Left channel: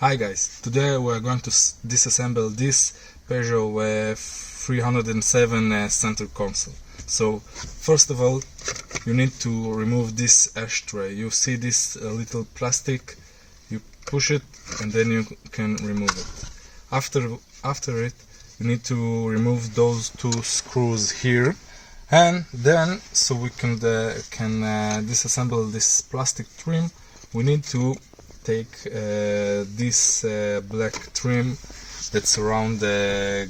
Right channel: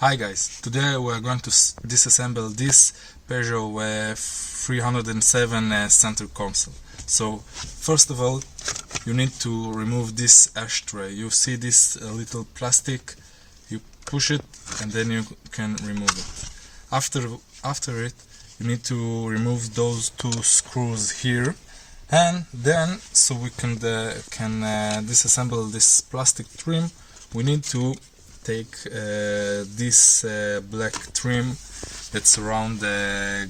Hi guys, today we are going to disassemble this Peugeot 307 center console. So first of all you need to remove this ashtray. You see this little plastic, you push it and then you can remove it. After it you need to remove those two screws here, and then so we can disassemble this plastic trim, we need to take this black trim that's around the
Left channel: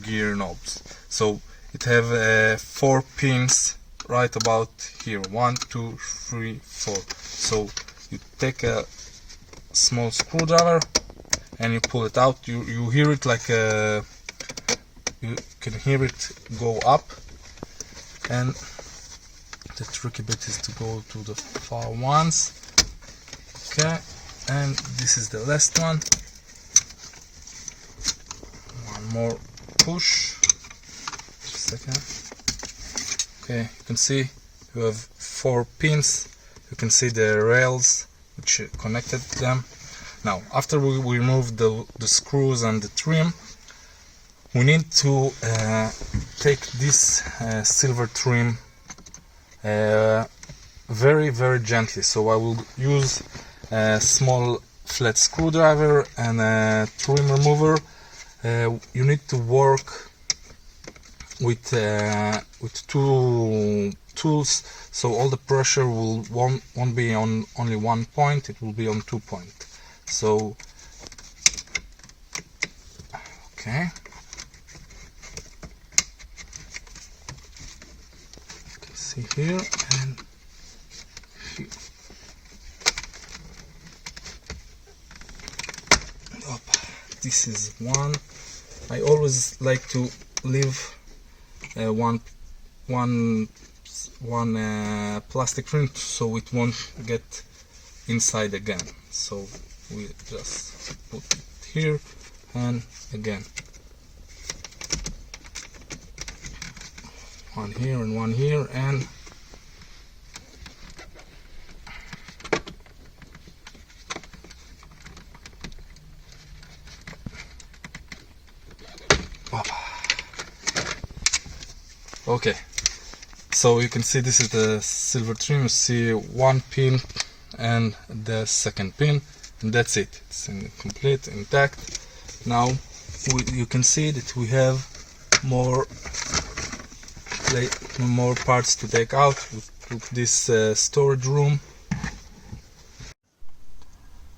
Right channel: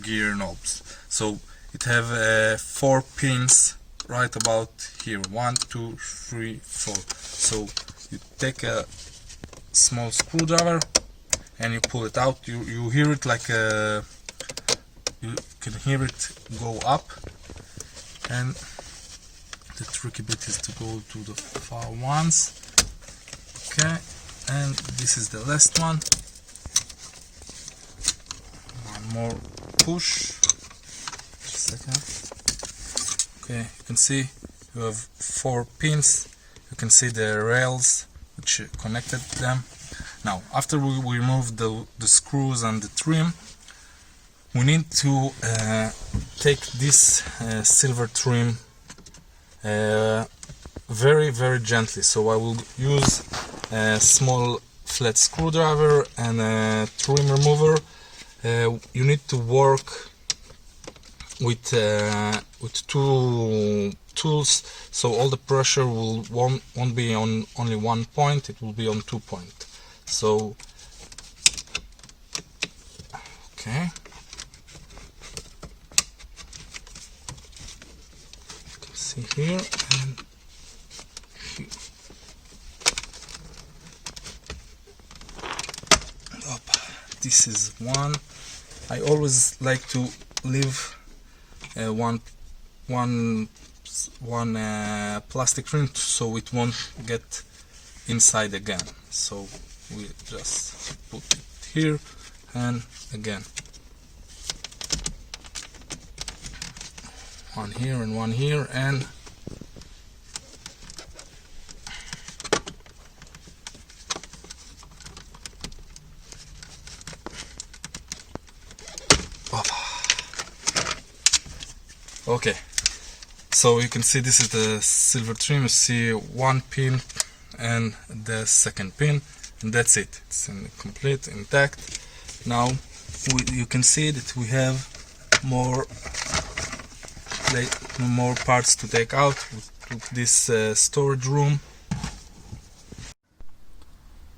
gear knobs. So it have 4 pins right about here, 1, 2, 3, 4. So you take a small screwdriver and you pull it out. You hear it like you can hear it go up, and the tricky bit is to go to the far ones. Okay, and this is the last one. One more push. Just a second. Okay, you can see you have 4 pins. You can see the rails which connected them. Now, after we remove the screws and the trim, we need to take this silver trim very gently. So I will use a small flat screwdriver and a trim remover. You need to work with 2 tools, so all the pressure won't be on only 1 point, it will be on 2 points. So okay, you can see here and here. This is one. I always like to leave one plastic trim so it won't get inside again. So we just put it here and again one here and one here, and okay, so you can see this is the silver trim. You see 1 pin and the 2nd pin, and that's it. It's complete, intact. Now you can see that we have more parts to take out. We took this storage room.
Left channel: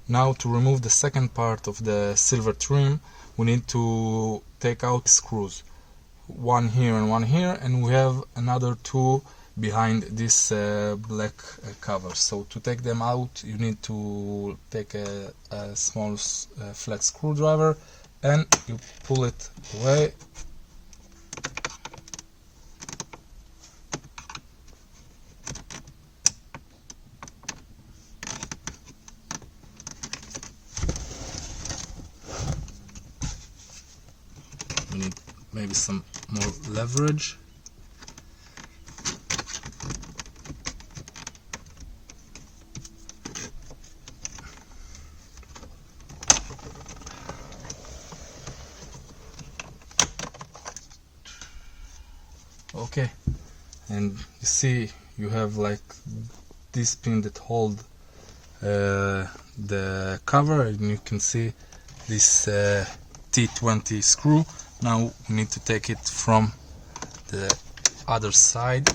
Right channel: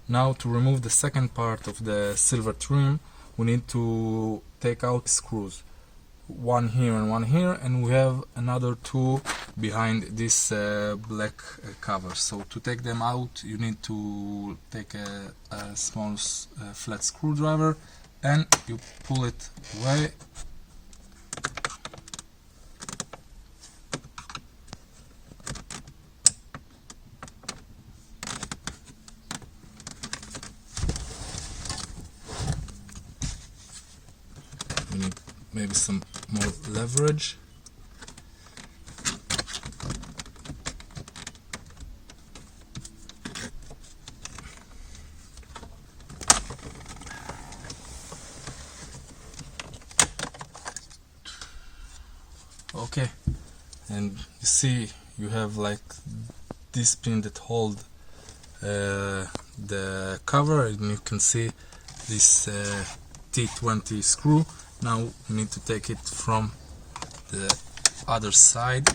Now to remove the 2nd part of the silver trim, we need to take out screws. 1 here and 1 here, and we have another 2 behind this black cover. So to take them out you need to take a small flat screwdriver and you pull it away. We need maybe some more leverage. Okay, and you see you have like this pin that hold the cover, and you can see this T20 screw. Now we need to take it from the other side.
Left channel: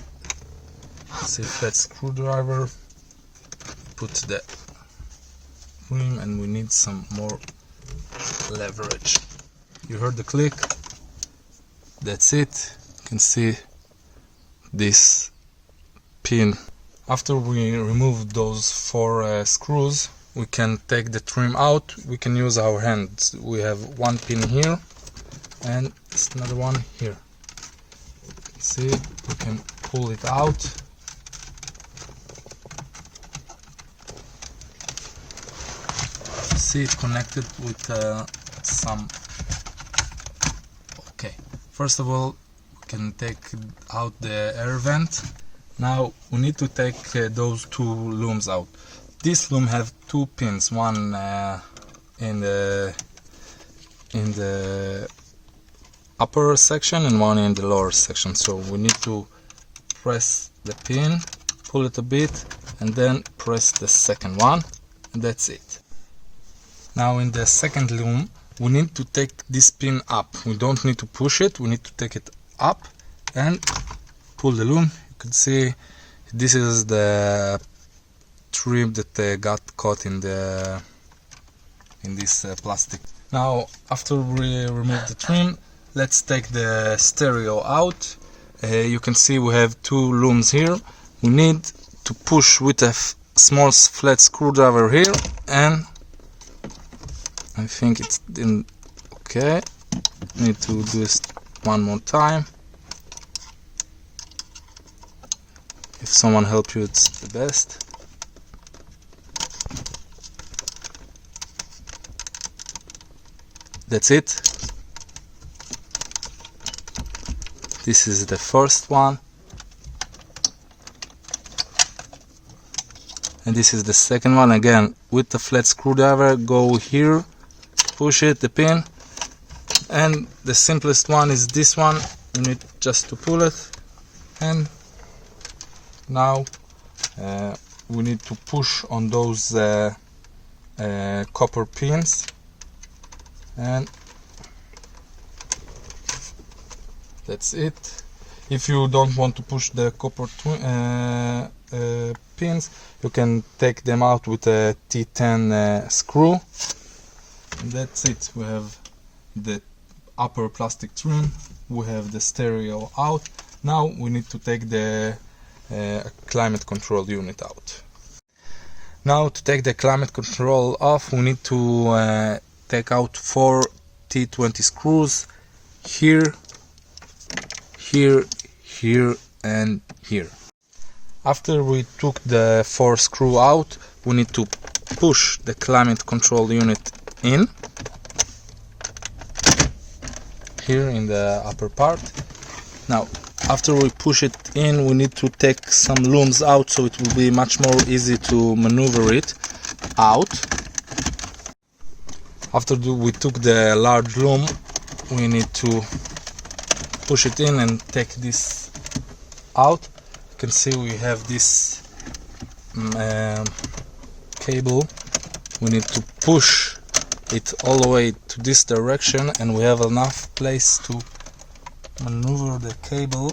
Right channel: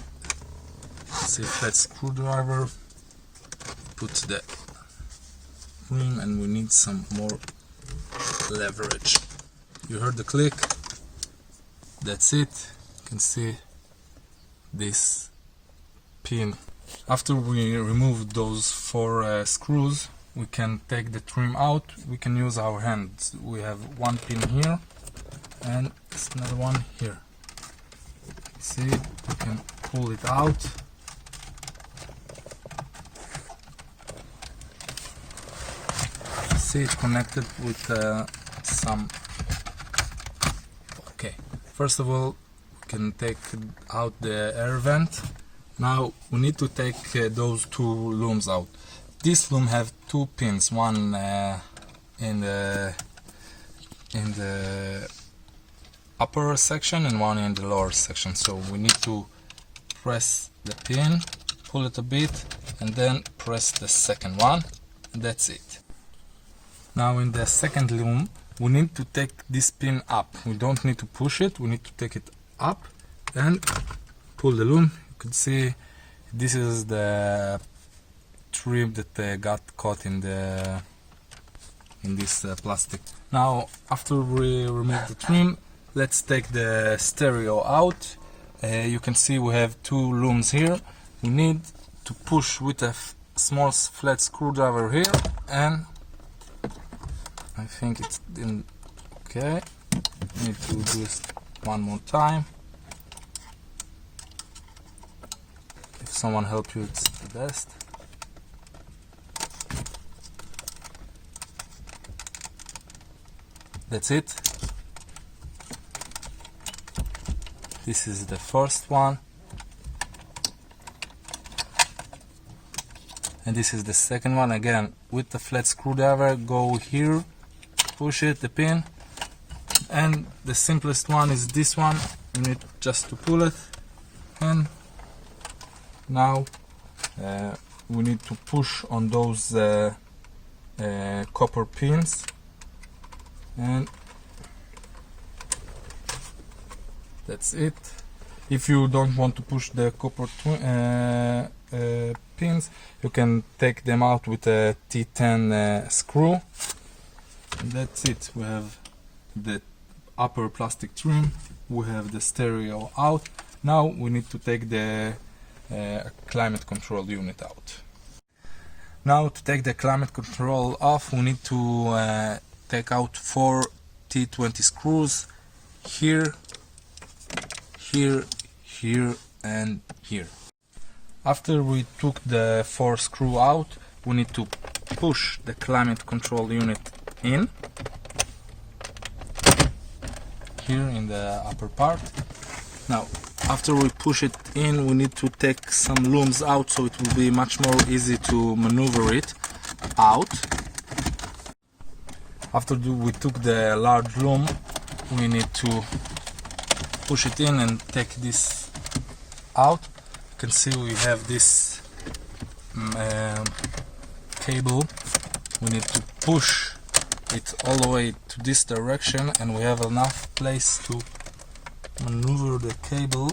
See, flat screwdriver, put the rim, and we need some more leverage. You heard the click, that's it. You can see this pin. After we remove those 4 screws, we can take the trim out. We can use our hands. We have 1 pin here and there's another one here. See, we can pull it out. See, it connected with some. Okay, first of all we can take out the air vent. Now we need to take those 2 looms out. This loom have 2 pins, one in the upper section and one in the lower section. So we need to press the pin, pull it a bit, and then press the second one, and that's it. Now in the second loom we need to take this pin up. We don't need to push it, we need to take it up and pull the loom. You can see this is the trim that got caught in this plastic. Now after we remove the trim, let's take the stereo out. You can see we have two looms here. We need to push with a small flat screwdriver here, and I think it's in. Okay, need to do this one more time. If someone helps you, it's the best. That's it. This is the first one, and this is the second one. Again, with the flat screwdriver, go here, push it, the pin, and the simplest one is this one. You need just to pull it, and now we need to push on those copper pins, and that's it. If you don't want to push the copper pins, you can take them out with a T10 screw. And that's it. We have the upper plastic trim, we have the stereo out. Now we need to take the climate control unit out. Now to take the climate control off, we need to take out 4 T20 screws here, here, here, and here. After we took the 4 screws out, we need to push the climate control unit in here in the upper part. Now after we push it in, we need to take some looms out, so it will be much more easy to maneuver it out. After we took the large loom, we need to push it in and take this out. You can see we have this cable. We need to push it all the way to this direction, and we have enough place to maneuver the cable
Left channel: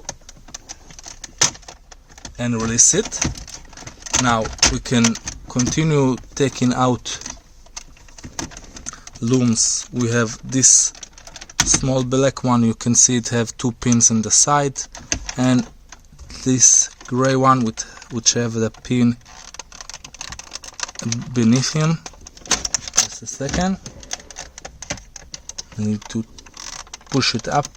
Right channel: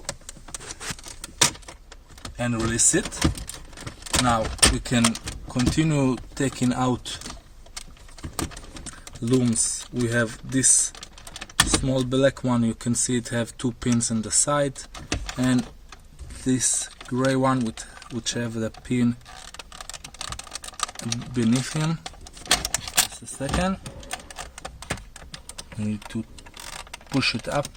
and release it. Now we can continue taking out looms. We have this small black one, you can see it have 2 pins in the side, and this gray one which have the pin beneath him. Just a second. I need to push it up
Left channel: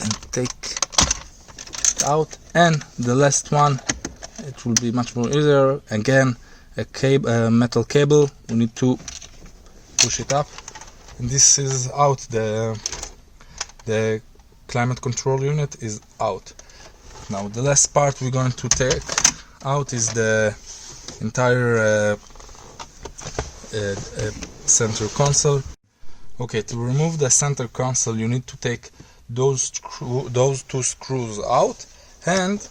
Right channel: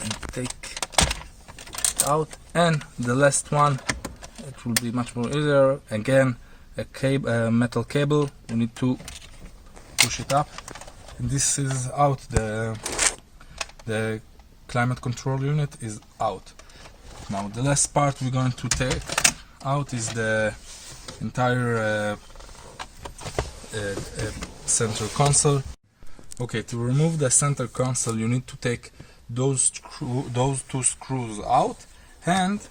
and take it out, and the last one, it will be much more easier. Again, a metal cable, we need to push it up, and this is out. The climate control unit is out. Now the last part we're going to take out is the entire center console. Okay, to remove the center console, you need to take those 2 screws out, and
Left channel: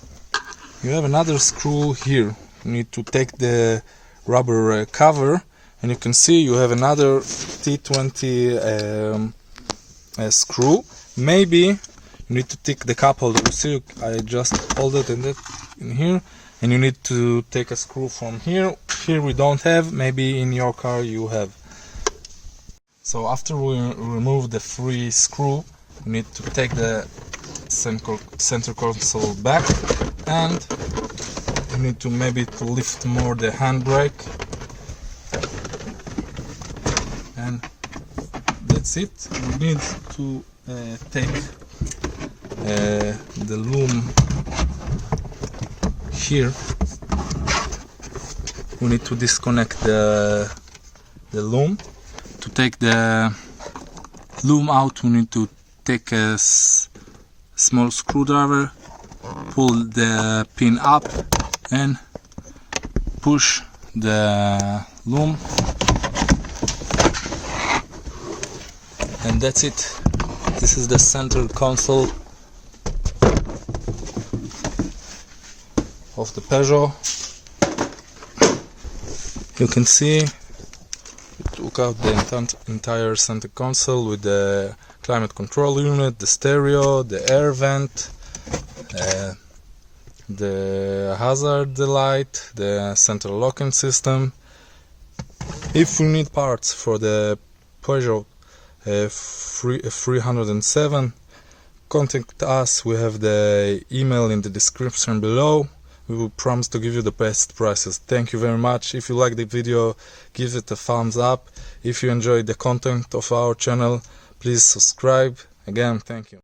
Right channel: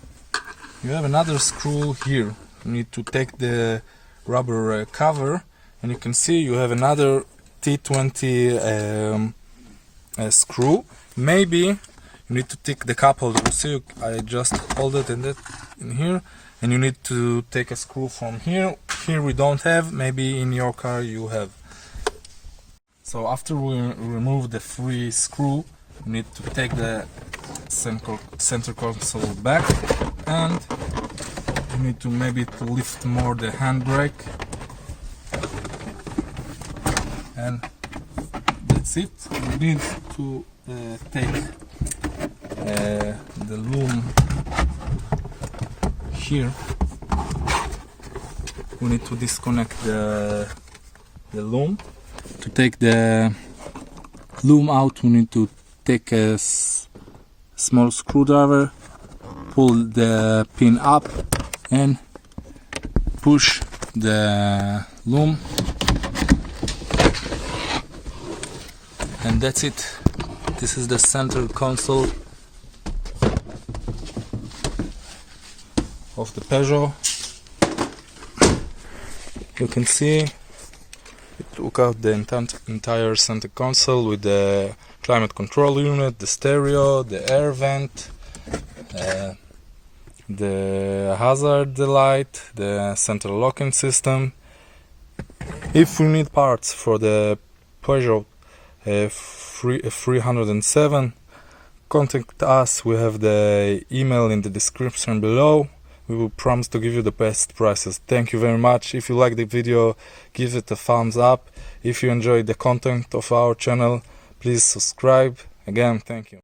you have another screw here. You need to take the rubber cover, and you can see you have another T20 screw. Maybe you need to take the cup holder. You see, I just hold it in here, and you need to take a screw from here. Here we don't have, maybe in your car you have. So after we remove the 3 screw, we need to take the center console back, and you need to maybe lift more the handbrake, and that's it. We need to take the loom here. We need to disconnect the loom. To take the loom out, we need to take a small screwdriver, pull the pin up, and push the loom And that's it. This is the center console of the Peugeot. You can see it took out the entire center console with the climate control unit, the stereo, the air vent, the hazard light, the central locking system. If we need parts for the Peugeot 307, contact us. We have the email in the description below. We will promise to give you the best prices. Thank you very much. If you like the video, give it a thumbs up. If you enjoyed the content of our channel, please subscribe. Again, thank you.